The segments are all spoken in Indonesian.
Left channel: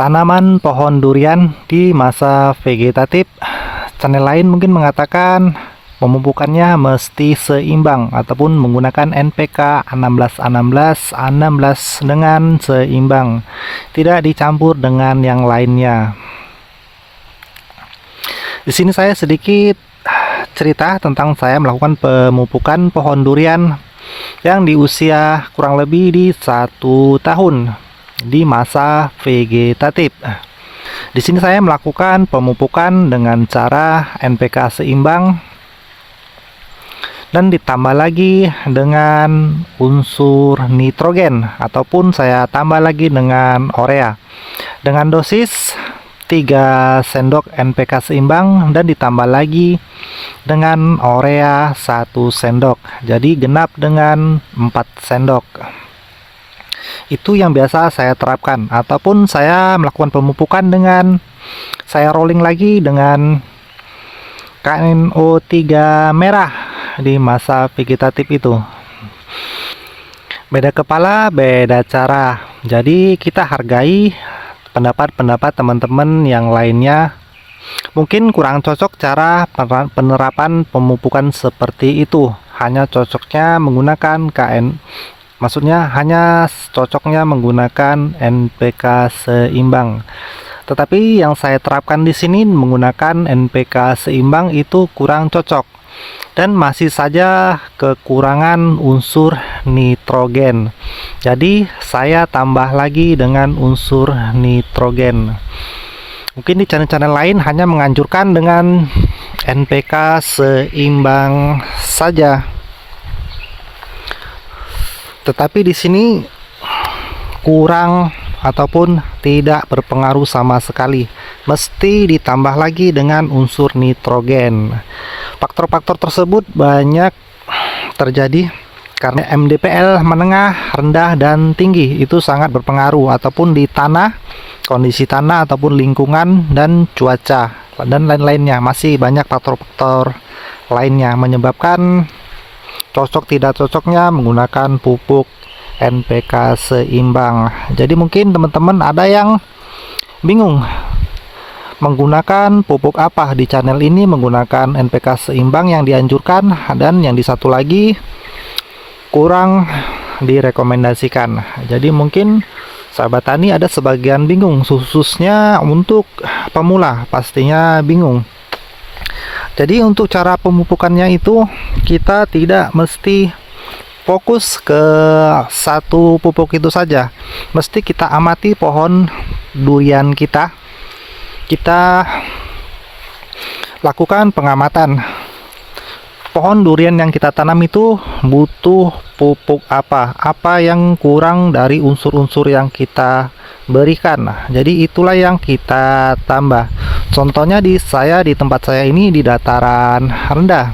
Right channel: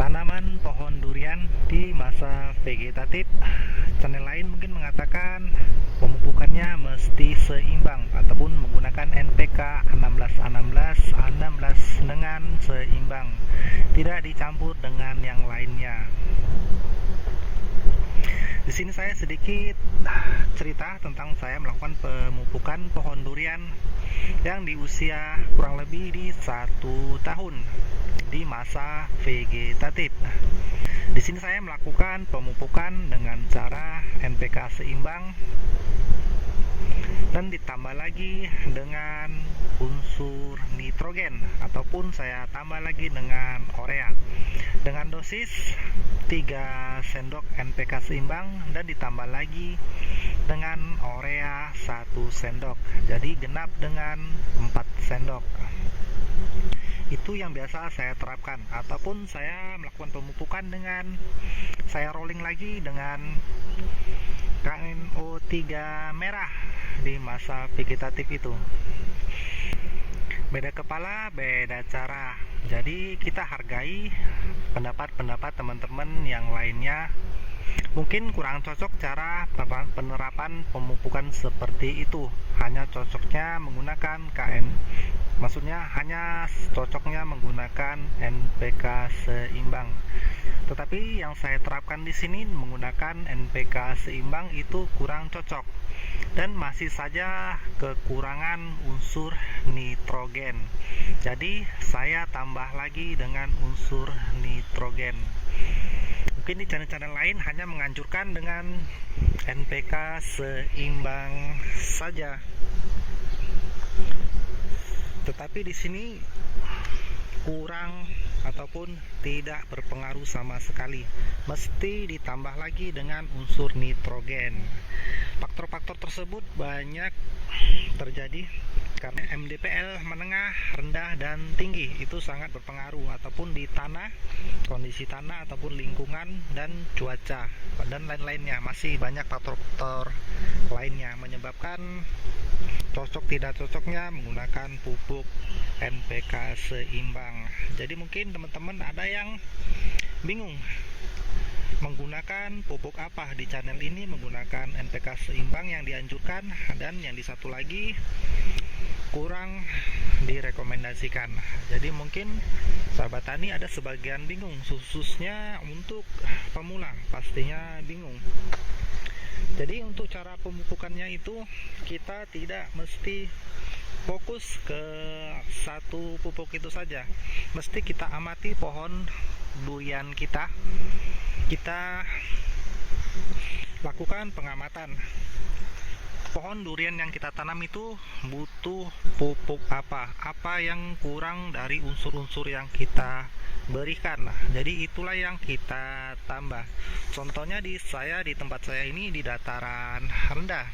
Tanaman pohon durian di masa vegetatif. Channel lain mungkin mengatakan pemupukannya mesti seimbang ataupun menggunakan NPK 16 dengan seimbang, tidak dicampur dengan yang lainnya. Di sini saya sedikit cerita tentang saya melakukan pemupukan pohon durian yang di usia kurang lebih di 1 tahun di masa vegetatif. Di sini saya melakukan pemupukan dengan cara NPK seimbang dan ditambah lagi dengan unsur nitrogen ataupun saya tambah lagi dengan urea dengan dosis 3 sendok NPK seimbang dan ditambah lagi dengan urea 1 sendok. Jadi genap dengan 4 sendok. Itu yang biasa saya terapkan, ataupun saya melakukan pemupukan dengan saya rolling lagi dengan KNO3 merah di masa vegetatif itu. Beda kepala, beda cara. Jadi kita hargai pendapat-pendapat teman-teman yang lainnya. Mungkin kurang cocok cara penerapan pemupukan seperti itu. Hanya cocoknya menggunakan hanya cocoknya menggunakan NPK seimbang. Tetapi yang saya terapkan di sini menggunakan NPK seimbang itu kurang cocok dan masih saja kekurangan unsur nitrogen. Jadi saya tambah lagi dengan unsur nitrogen. Mungkin di channel-channel lain hanya menganjurkan dengan NPK seimbang saja. Tetapi di sini kurang ataupun tidak berpengaruh sama sekali. Mesti ditambah lagi dengan unsur nitrogen. Faktor-faktor tersebut banyak terjadi karena MDPL menengah, rendah, dan tinggi itu sangat berpengaruh ataupun di tanah, kondisi tanah ataupun lingkungan dan cuaca dan lain-lainnya. Masih banyak faktor-faktor lainnya menyebabkan cocok tidak cocoknya menggunakan pupuk NPK seimbang. Jadi mungkin teman-teman ada yang bingung menggunakan pupuk apa. Di channel ini menggunakan NPK seimbang yang dianjurkan, dan yang di satu lagi kurang direkomendasikan. Jadi mungkin sahabat tani ada sebagian bingung, khususnya untuk pemula pastinya bingung. Jadi untuk cara pemupukannya itu kita tidak mesti fokus ke satu pupuk itu saja. Mesti kita amati pohon durian kita. Kita lakukan pengamatan. Pohon durian yang kita tanam itu butuh pupuk apa yang kurang dari unsur-unsur yang kita berikan. Jadi itulah yang kita tambah. Contohnya di tempat saya ini di dataran rendah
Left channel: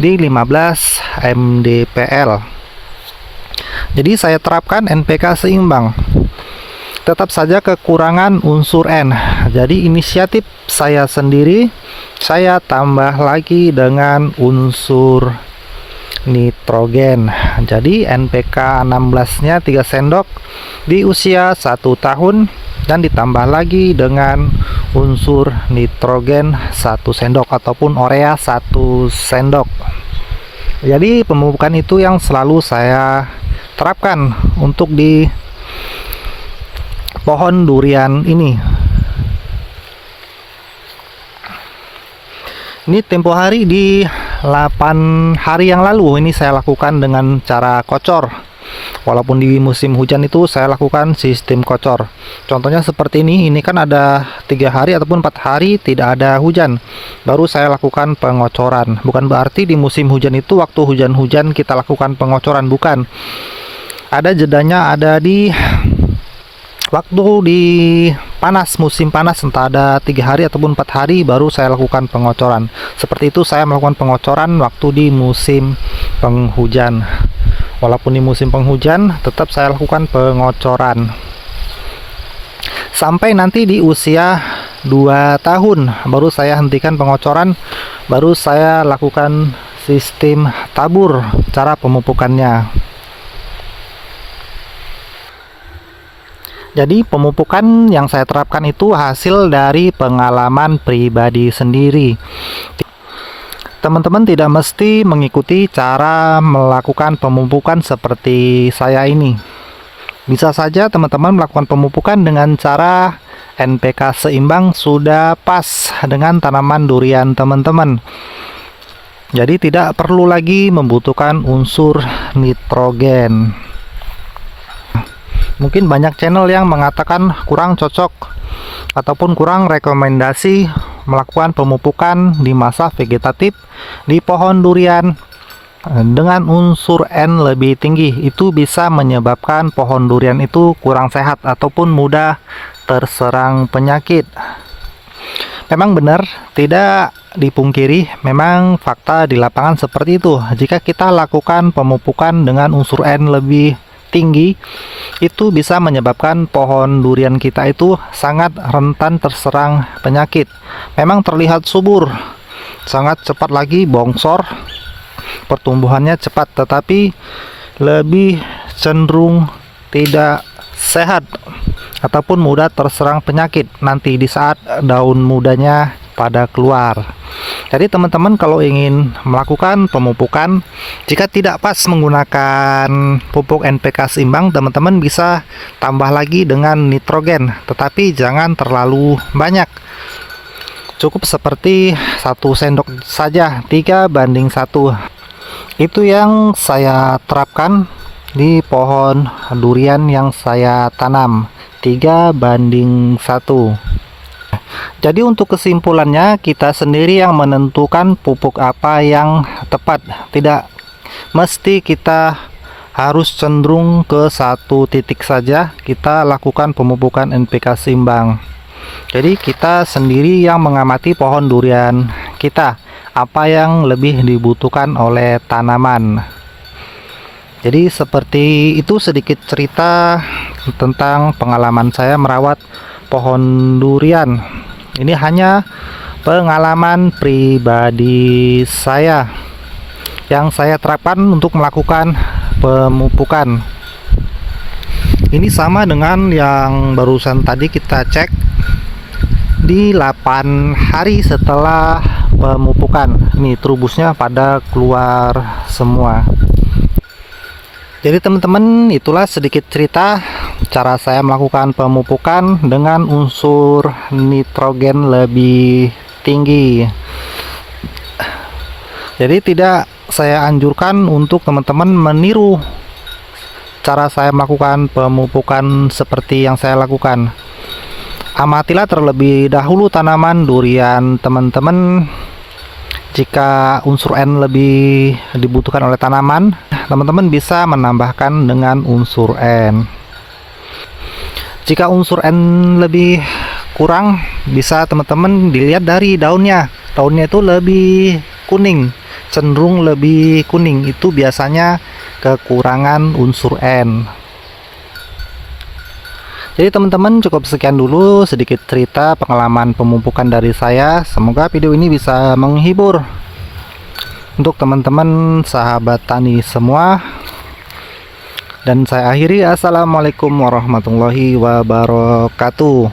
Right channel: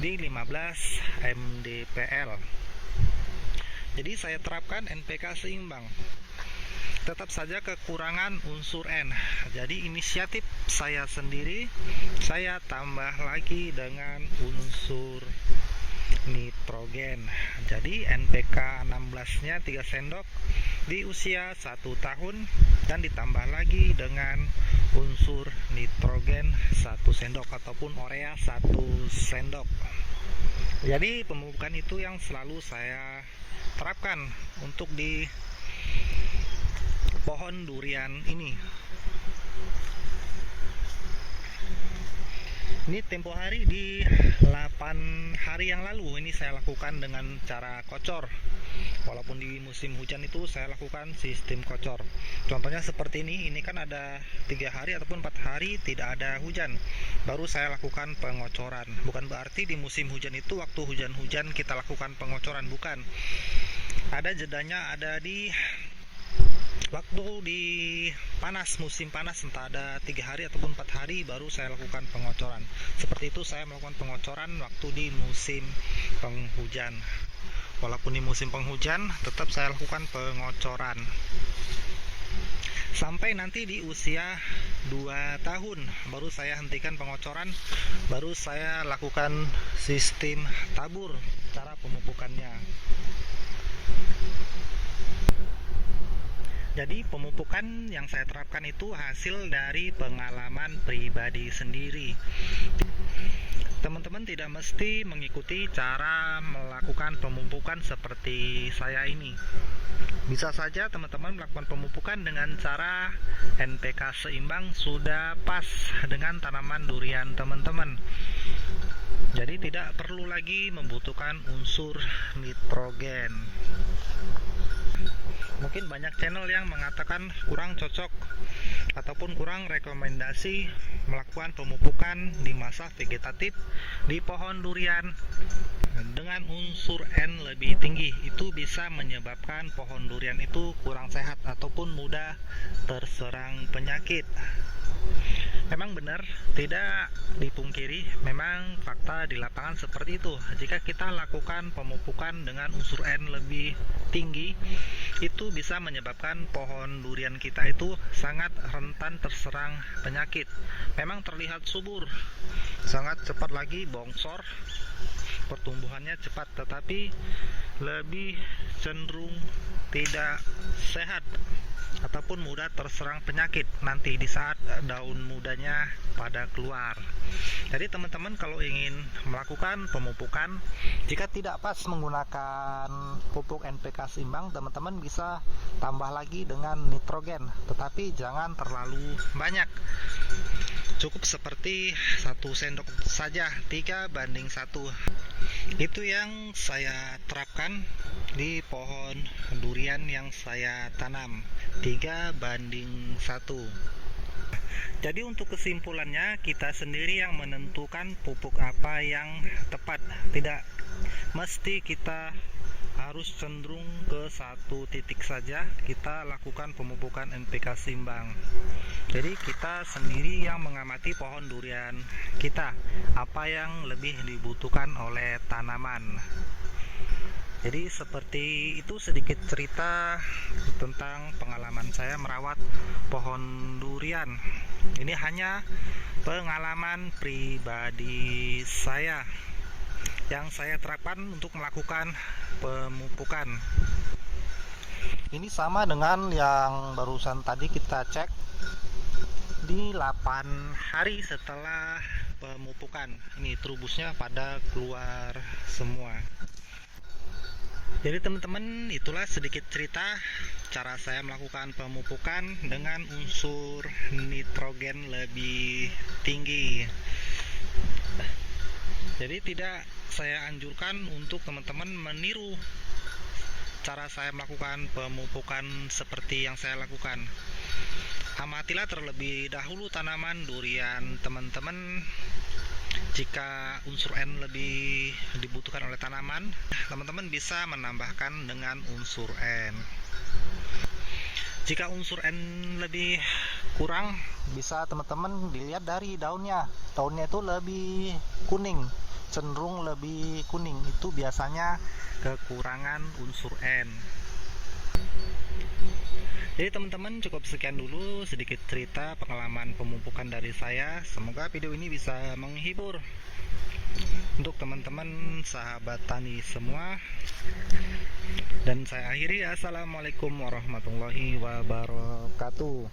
di 15 mdpl. Jadi saya terapkan NPK seimbang. Tetap saja kekurangan unsur N. Jadi inisiatif saya sendiri, saya tambah lagi dengan unsur nitrogen. Jadi NPK 16-nya 3 sendok di usia 1 tahun dan ditambah lagi dengan unsur nitrogen 1 sendok ataupun urea 1 sendok. Jadi pemupukan itu yang selalu saya terapkan untuk di pohon durian ini. Ini tempo hari di 8 hari yang lalu ini saya lakukan dengan cara kocor. Walaupun di musim hujan itu saya lakukan sistem kocor. Contohnya seperti ini kan ada 3 hari ataupun 4 hari tidak ada hujan, baru saya lakukan pengocoran. Bukan berarti di musim hujan itu waktu hujan-hujan kita lakukan pengocoran, bukan. Ada jedanya, ada di waktu di musim panas, entah ada 3 hari ataupun 4 hari baru saya lakukan pengocoran. Seperti itu saya melakukan pengocoran waktu di musim penghujan. Walaupun di musim penghujan tetap saya lakukan pengocoran. Sampai nanti di usia 2 tahun baru saya hentikan pengocoran, baru saya lakukan sistem tabur cara pemupukannya. Jadi pemupukan yang saya terapkan itu hasil dari pengalaman pribadi sendiri. Teman-teman tidak mesti mengikuti cara melakukan pemupukan seperti saya ini. Bisa saja teman-teman melakukan pemupukan dengan cara NPK seimbang sudah pas dengan tanaman durian teman-teman. Jadi tidak perlu lagi membutuhkan unsur nitrogen. Mungkin banyak channel yang mengatakan kurang cocok ataupun kurang rekomendasi melakukan pemupukan di masa vegetatif di pohon durian dengan unsur N lebih tinggi. Itu bisa menyebabkan pohon durian itu kurang sehat ataupun mudah terserang penyakit. Memang benar, tidak dipungkiri, memang fakta di lapangan seperti itu. Jika kita lakukan pemupukan dengan unsur N lebih tinggi, itu bisa menyebabkan pohon durian kita itu sangat rentan terserang penyakit. Memang terlihat subur, sangat cepat lagi bongsor, pertumbuhannya cepat, tetapi lebih cenderung tidak sehat ataupun mudah terserang penyakit nanti di saat daun mudanya pada keluar. Jadi teman-teman kalau ingin melakukan pemupukan, jika tidak pas menggunakan pupuk NPK seimbang, teman-teman bisa tambah lagi dengan nitrogen, tetapi jangan terlalu banyak. Cukup seperti 1 sendok saja, 3:1. Itu yang saya terapkan di pohon durian yang saya tanam, 3:1. Jadi untuk kesimpulannya, kita sendiri yang menentukan pupuk apa yang tepat. Tidak mesti kita harus cenderung ke satu titik saja kita lakukan pemupukan NPK seimbang. Jadi kita sendiri yang mengamati pohon durian kita, apa yang lebih dibutuhkan oleh tanaman. Jadi seperti itu sedikit cerita tentang pengalaman saya merawat pohon durian. Ini hanya pengalaman pribadi saya yang saya terapkan untuk melakukan pemupukan. Ini sama dengan yang barusan tadi kita cek di 8 hari setelah pemupukan. Ini trubusnya pada keluar semua. Jadi teman-teman, itulah sedikit cerita cara saya melakukan pemupukan dengan unsur nitrogen lebih tinggi. Jadi tidak saya anjurkan untuk teman-teman meniru cara saya melakukan pemupukan seperti yang saya lakukan. Amatilah terlebih dahulu tanaman durian teman-teman. Jika unsur N lebih dibutuhkan oleh tanaman, teman-teman bisa menambahkan dengan unsur N. Jika unsur N lebih kurang, bisa teman-teman dilihat dari daunnya. Daunnya itu lebih kuning, cenderung lebih kuning. Itu biasanya kekurangan unsur N. Jadi teman-teman, cukup sekian dulu sedikit cerita pengalaman pemupukan dari saya. Semoga video ini bisa menghibur untuk teman-teman sahabat tani semua. Dan saya akhiri, assalamualaikum warahmatullahi wabarakatuh.